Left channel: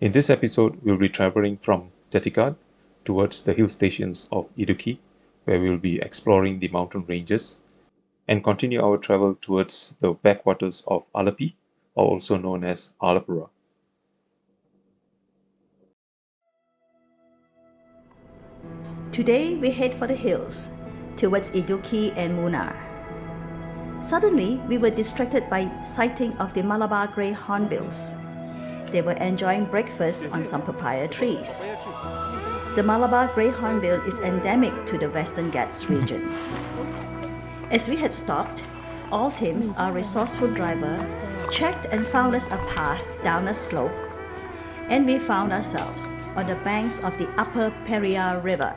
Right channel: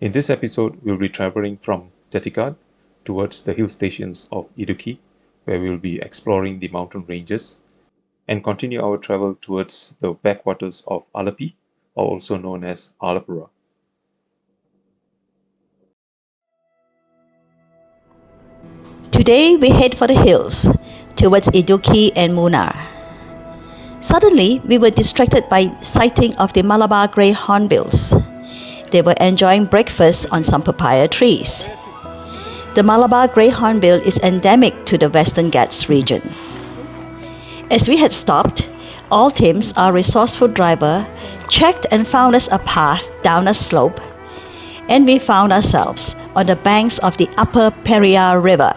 In this episode, we'll be traveling from Thatthekad towards the hill stations of Idukki, where we'll be exploring the mountain ranges, and continue our travel towards the backwaters of Alleppey, or also known as Alappuzha. Today we head for the hills, towards Idukki and Munnar. Suddenly, we were distracted by sighting of the Malabar grey hornbills. They were enjoying breakfast on some papaya trees. The Malabar grey hornbill is endemic to the Western Ghats region. As we had stopped, all teams, our resourceful driver, checked and found us a path down a slope, and we found ourselves on the banks of the upper Periyar River.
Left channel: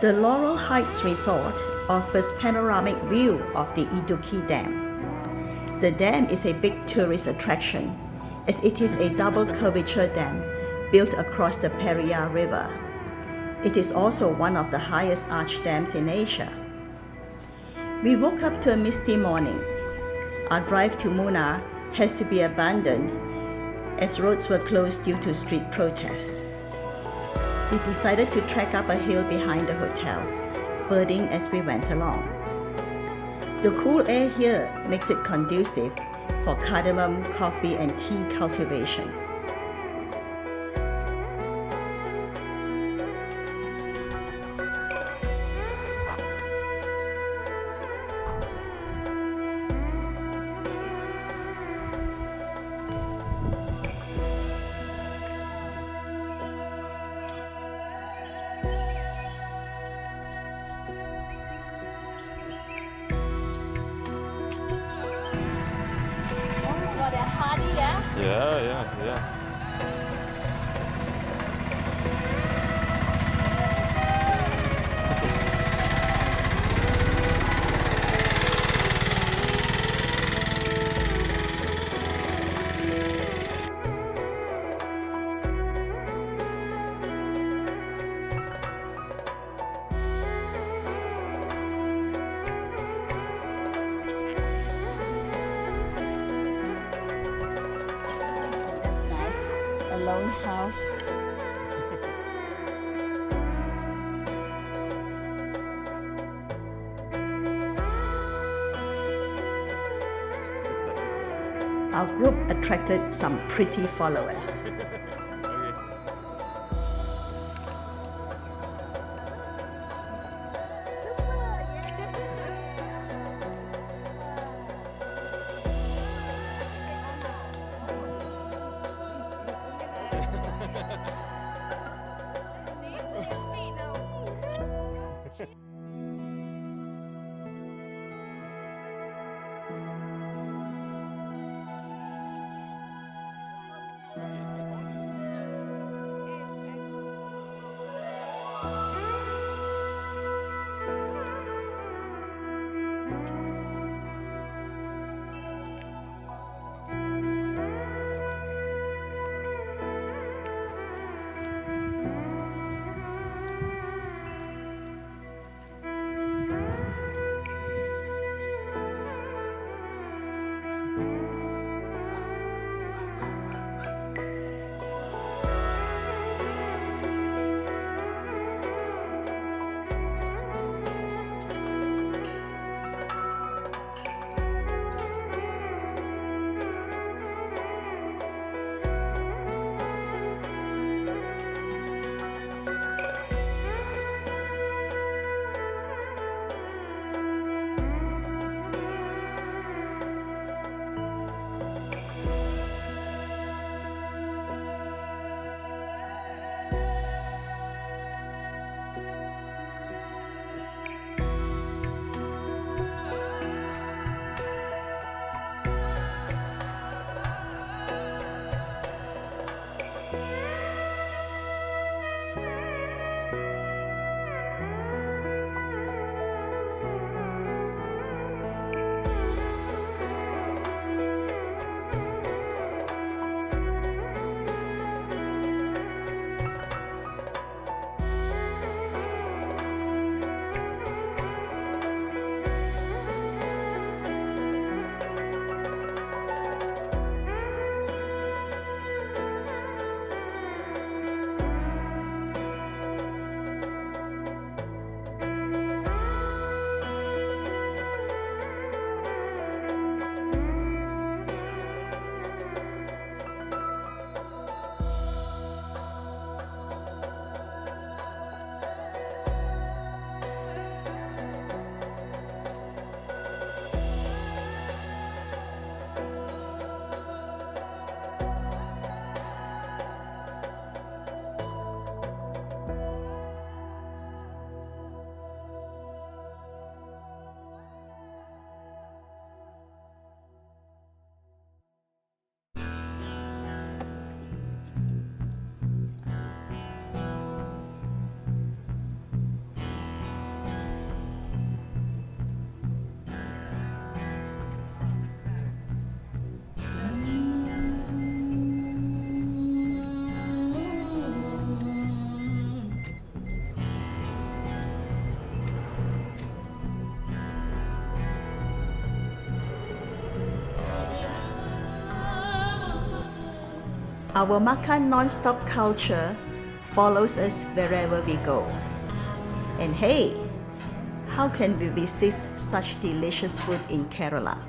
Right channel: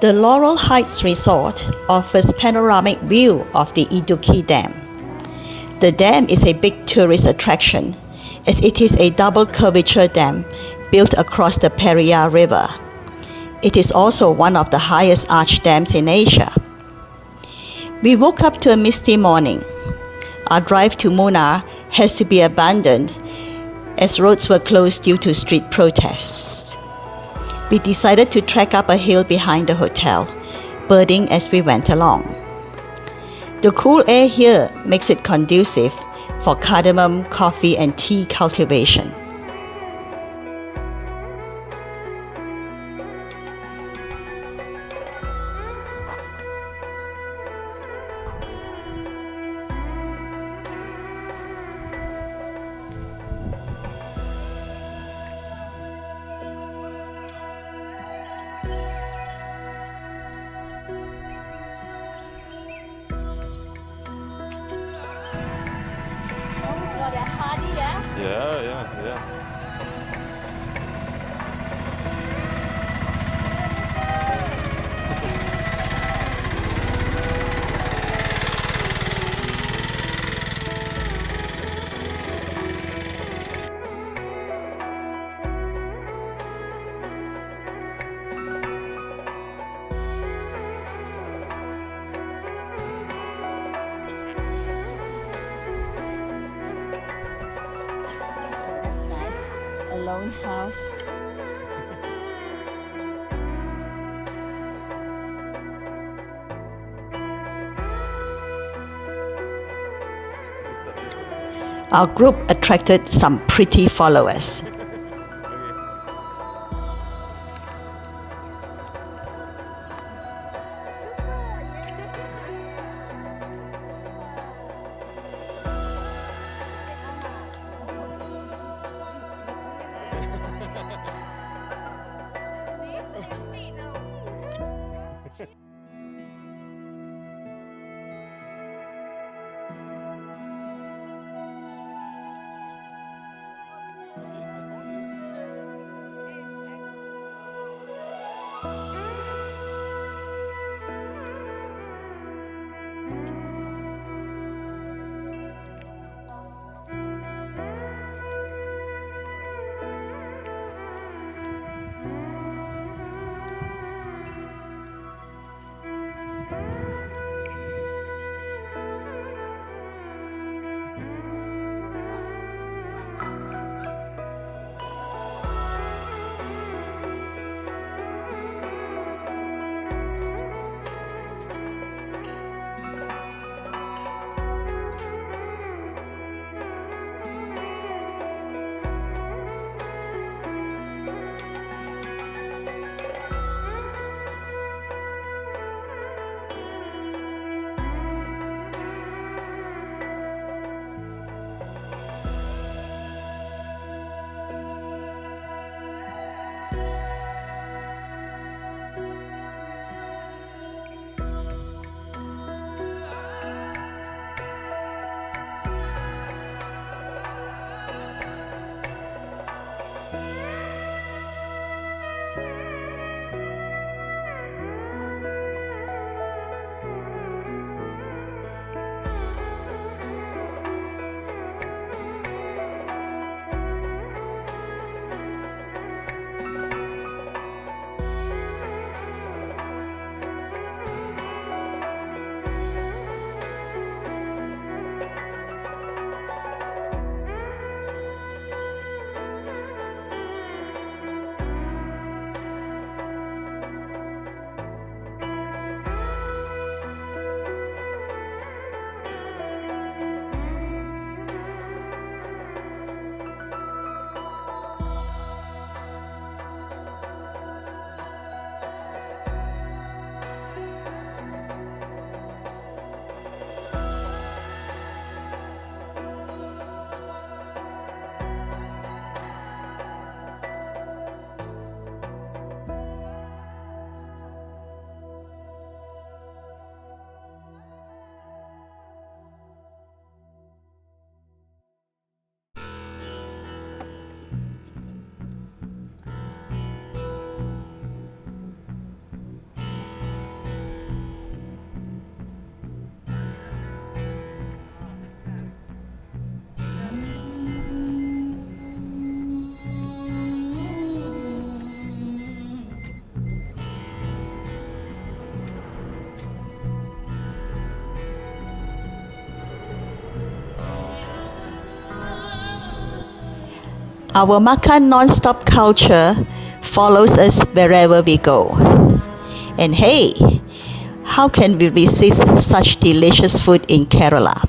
The Laurel Heights Resort offers panoramic view of the Idukki Dam. The dam is a big tourist attraction as it is a double curvature dam built across the Periyar River. It is also one of the highest arch dams in Asia. We woke up to a misty morning. Our drive to Munnar has to be abandoned as roads were closed due to street protests. We decided to trek up a hill behind the hotel, birding as we went along. The cool air here makes it conducive for cardamom, coffee, and tea cultivation. Yeah. Lone house. Our group attracted some pretty followers. Our makan non-stop culture follows us wherever we go. And hey, how can we resist such delicious food in Kerala?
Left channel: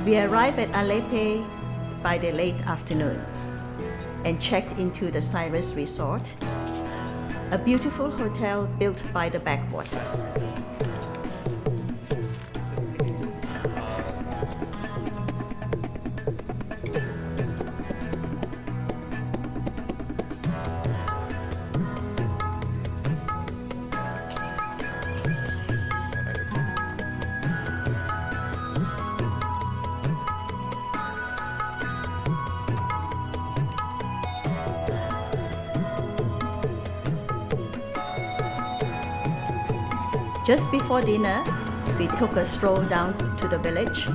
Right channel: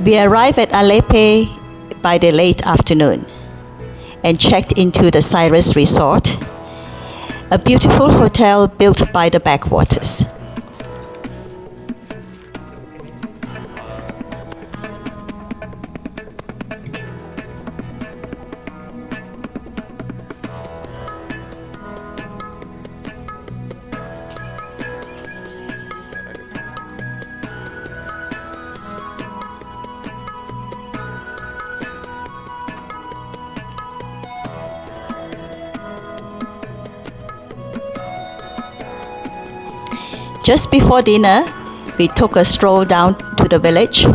We arrived at Alleppey by the late afternoon and checked into the Cyrus Resort, a beautiful hotel built by the backwaters. Just before dinner, we took a stroll down to the village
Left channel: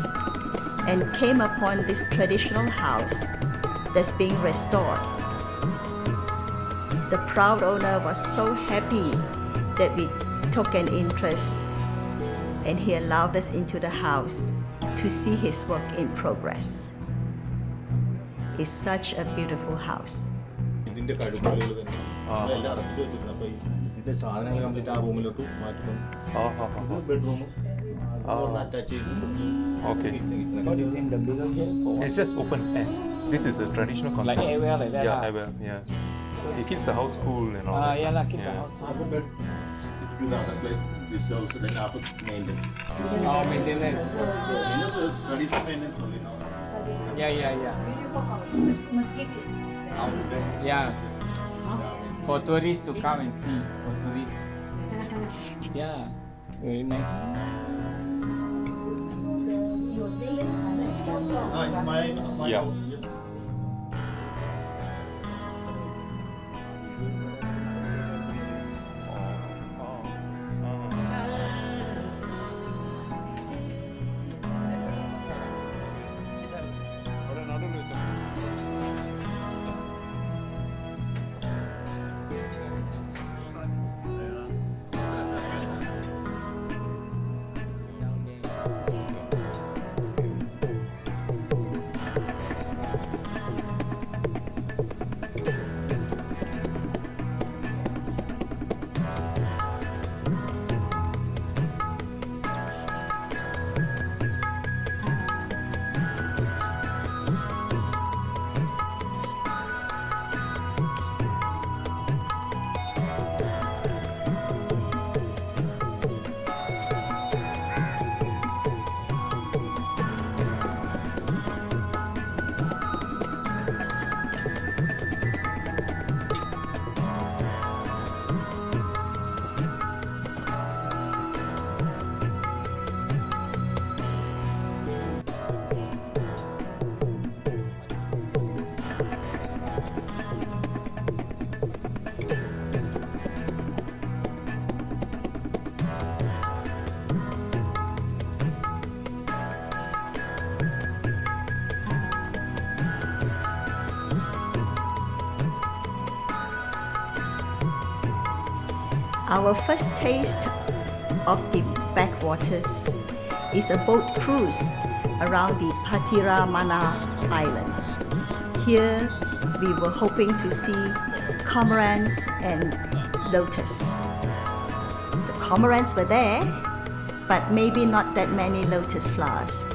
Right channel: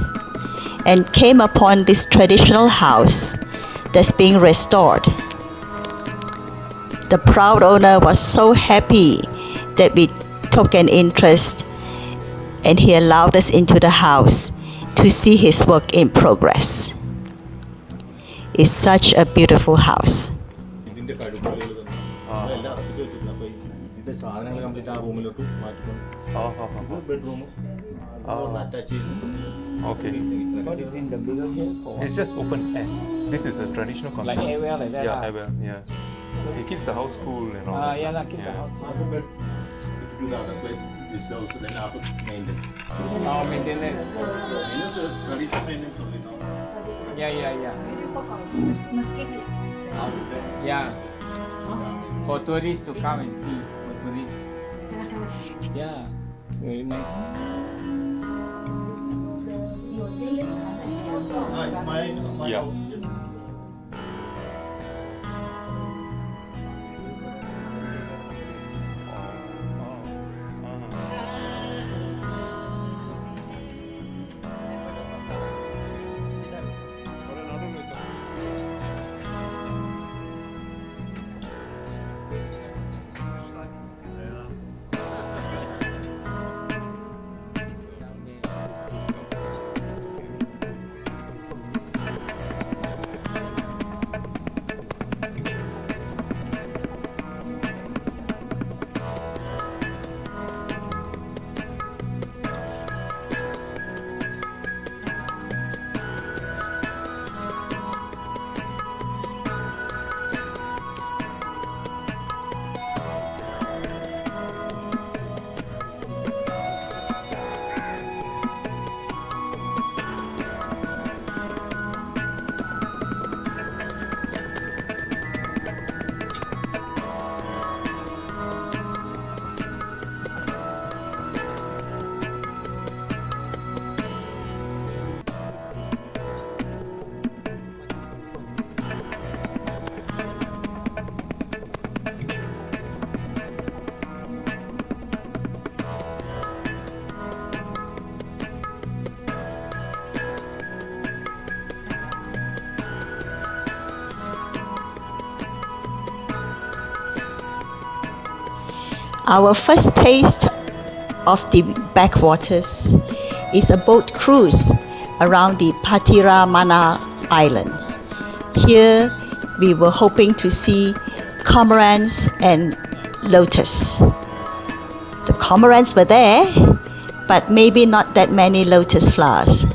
and came upon this traditional house that's being restored. The proud owner was so happy that we took an interest and he allowed us into the house to see his work in progress. It's such a beautiful house. Okay. It's just open air. This is a traditional concept. Like airwell like that. Yeah, airwell. Yeah. It keeps the house cool and all. that. Yeah, keep the house. You have the place, this also then after maintenance. Oh, maintenance. Maintenance is traditional maintenance only now. Yeah. Yeah. For tourists to come and see. For tourists. Yeah. Very nice. It's my Yeah. house. Our first taste of the backwaters is a boat cruise around the Patiramana Island. Here we were hoping to see cormorants and lotus. The cormorants were there, but maybe not that many lotus flowers.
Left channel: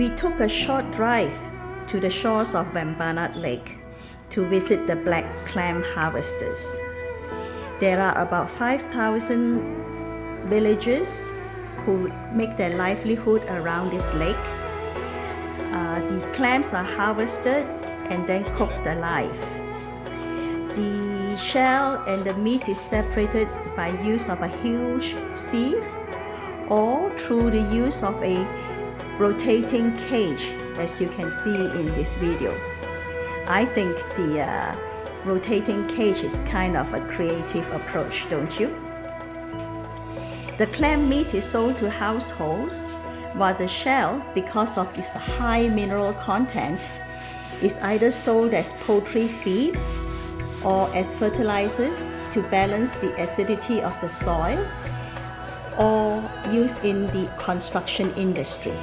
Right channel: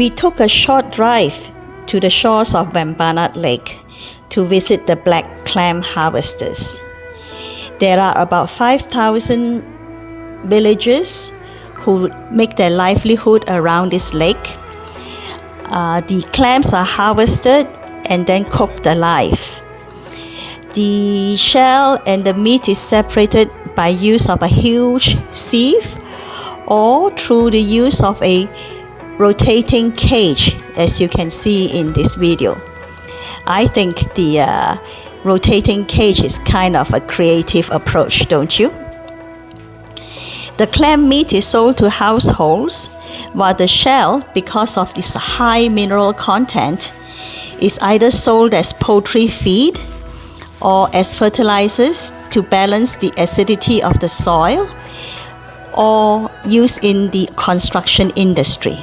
We took a short drive to the shores of Vembanad Lake to visit the black clam harvesters. There are about 5,000 villagers who make their livelihood around this lake. The clams are harvested and then cooked alive. The shell and the meat is separated by use of a huge sieve or through the use of a rotating cage, as you can see in this video. I think the rotating cage is kind of a creative approach, don't you? The clam meat is sold to households, while the shell, because of its high mineral content, is either sold as poultry feed or as fertilizers to balance the acidity of the soil, or used in the construction industry.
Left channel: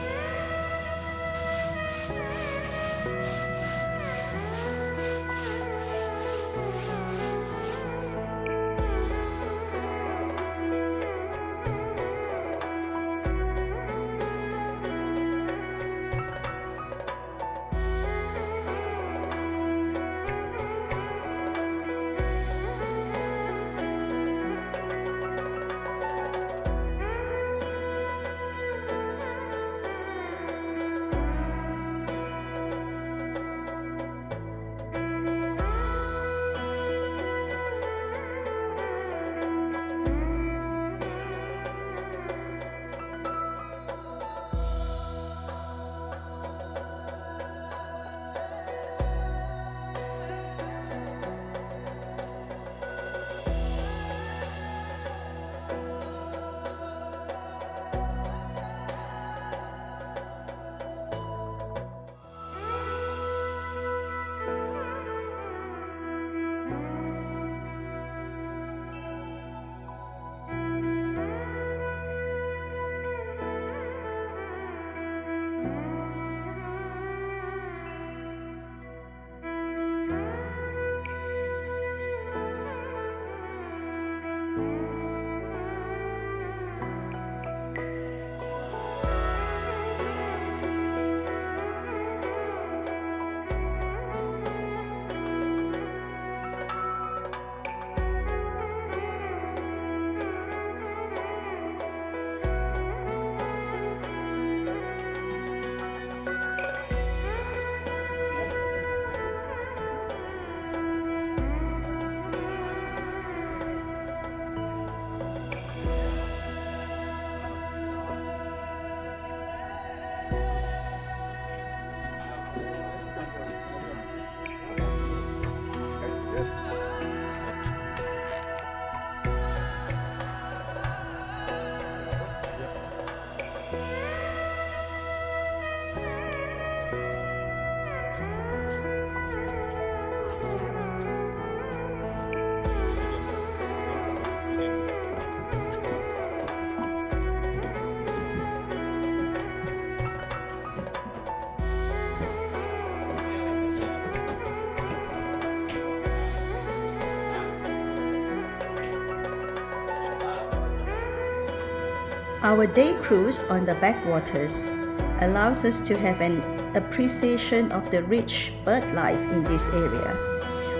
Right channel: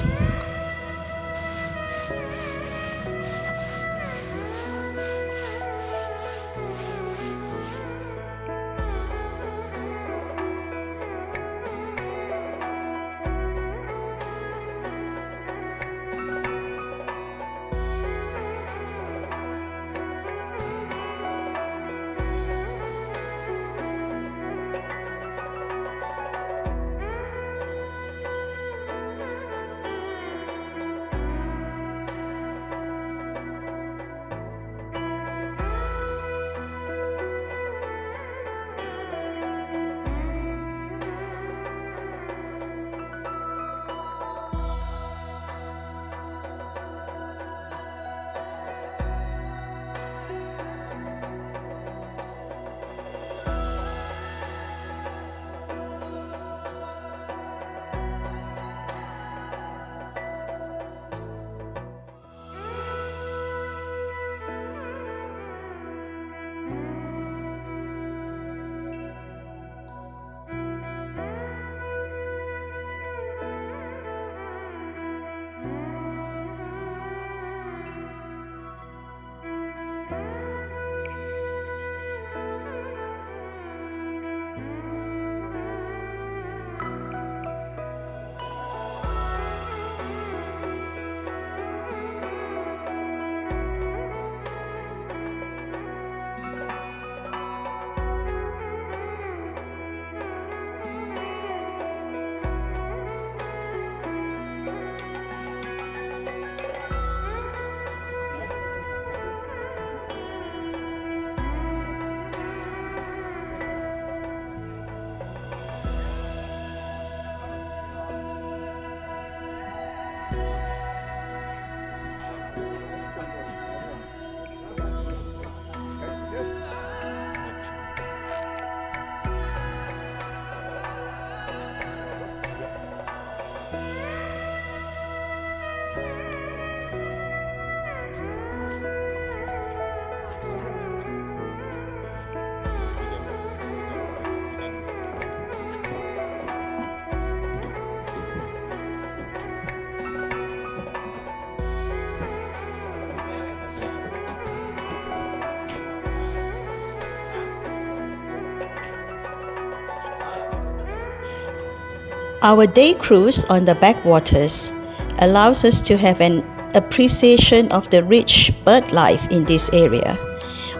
Our day cruise on the backwaters allows us to have an appreciation of the rich bird life in this area,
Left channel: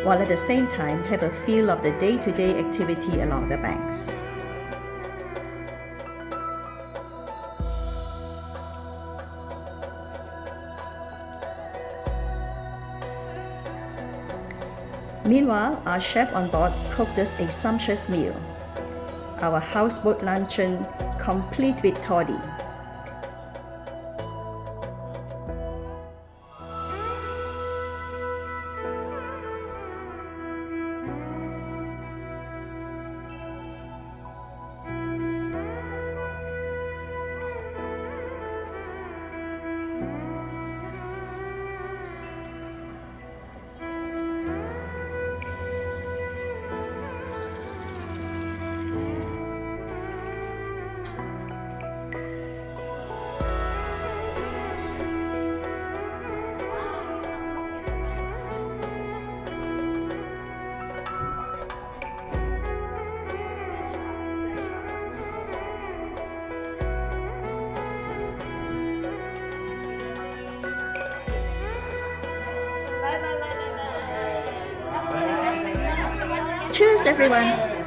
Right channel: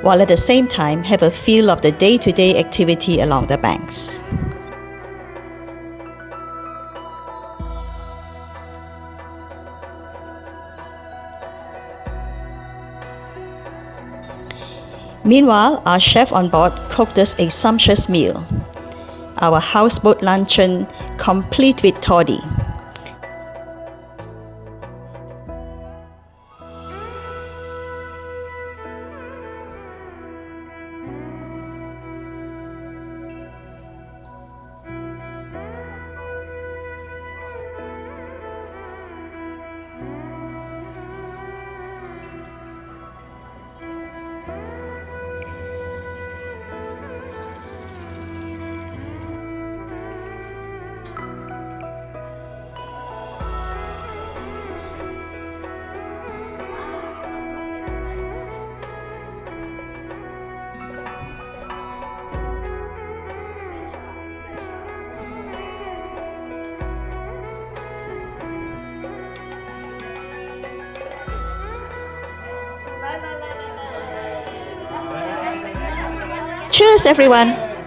while at the same time have a feel of the day-to-day activity along the banks. Meanwhile, our chef on board cooked us a sumptuous meal. Our houseboat luncheon complete with toddy. Cheers, everyone!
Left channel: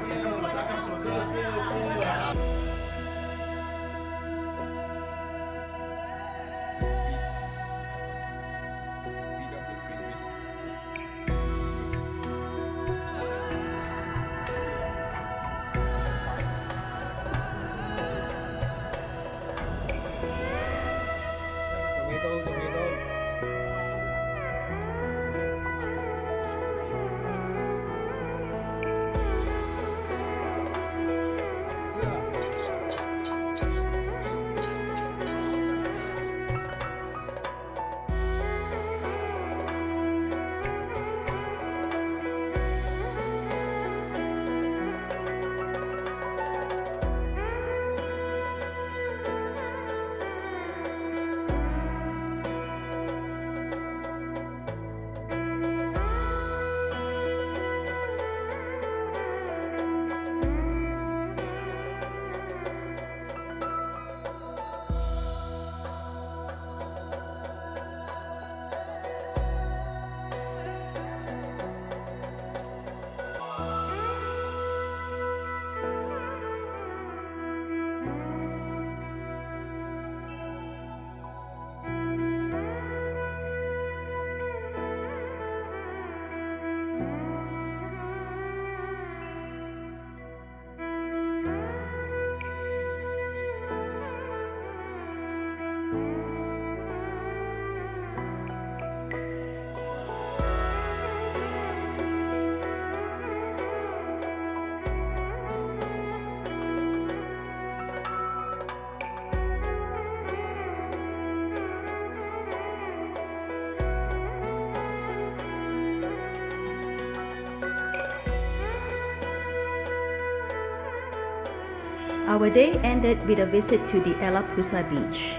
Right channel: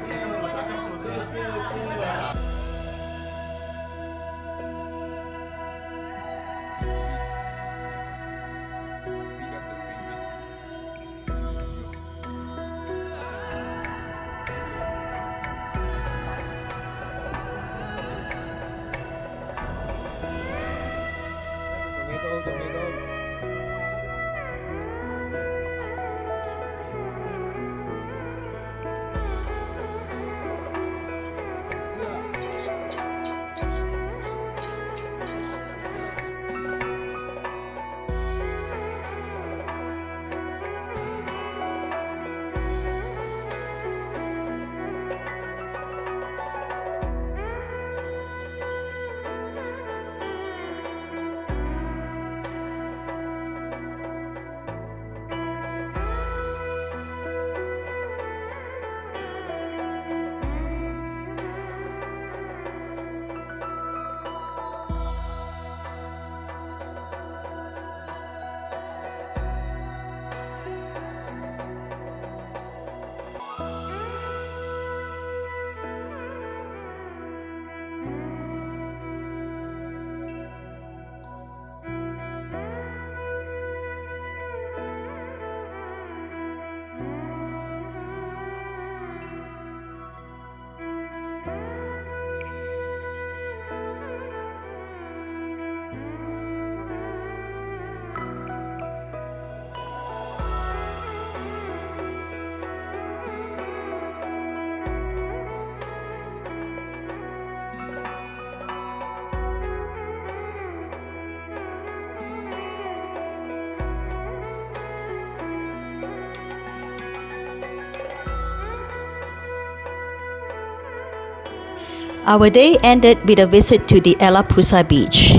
Our day ended with a visit to the Alappuzha beach.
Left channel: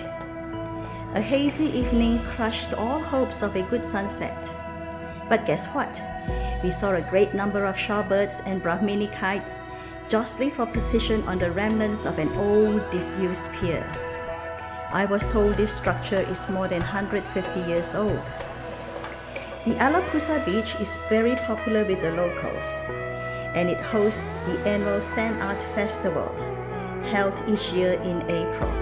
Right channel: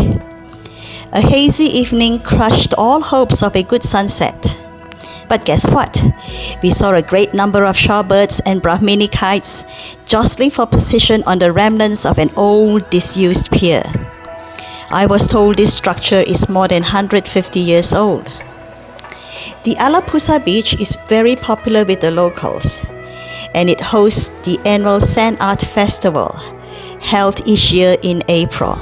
A hazy evening crushed all hopes of a good sunset. But guess what? We saw a great number of shorebirds and Brahmini kites jostling for position on the remnants of an old disused pier. I was told this structure is more than 150 years old. The Alappuzha beach is very popular with the locals, and it hosts the annual Sand Art Festival, held each year in April.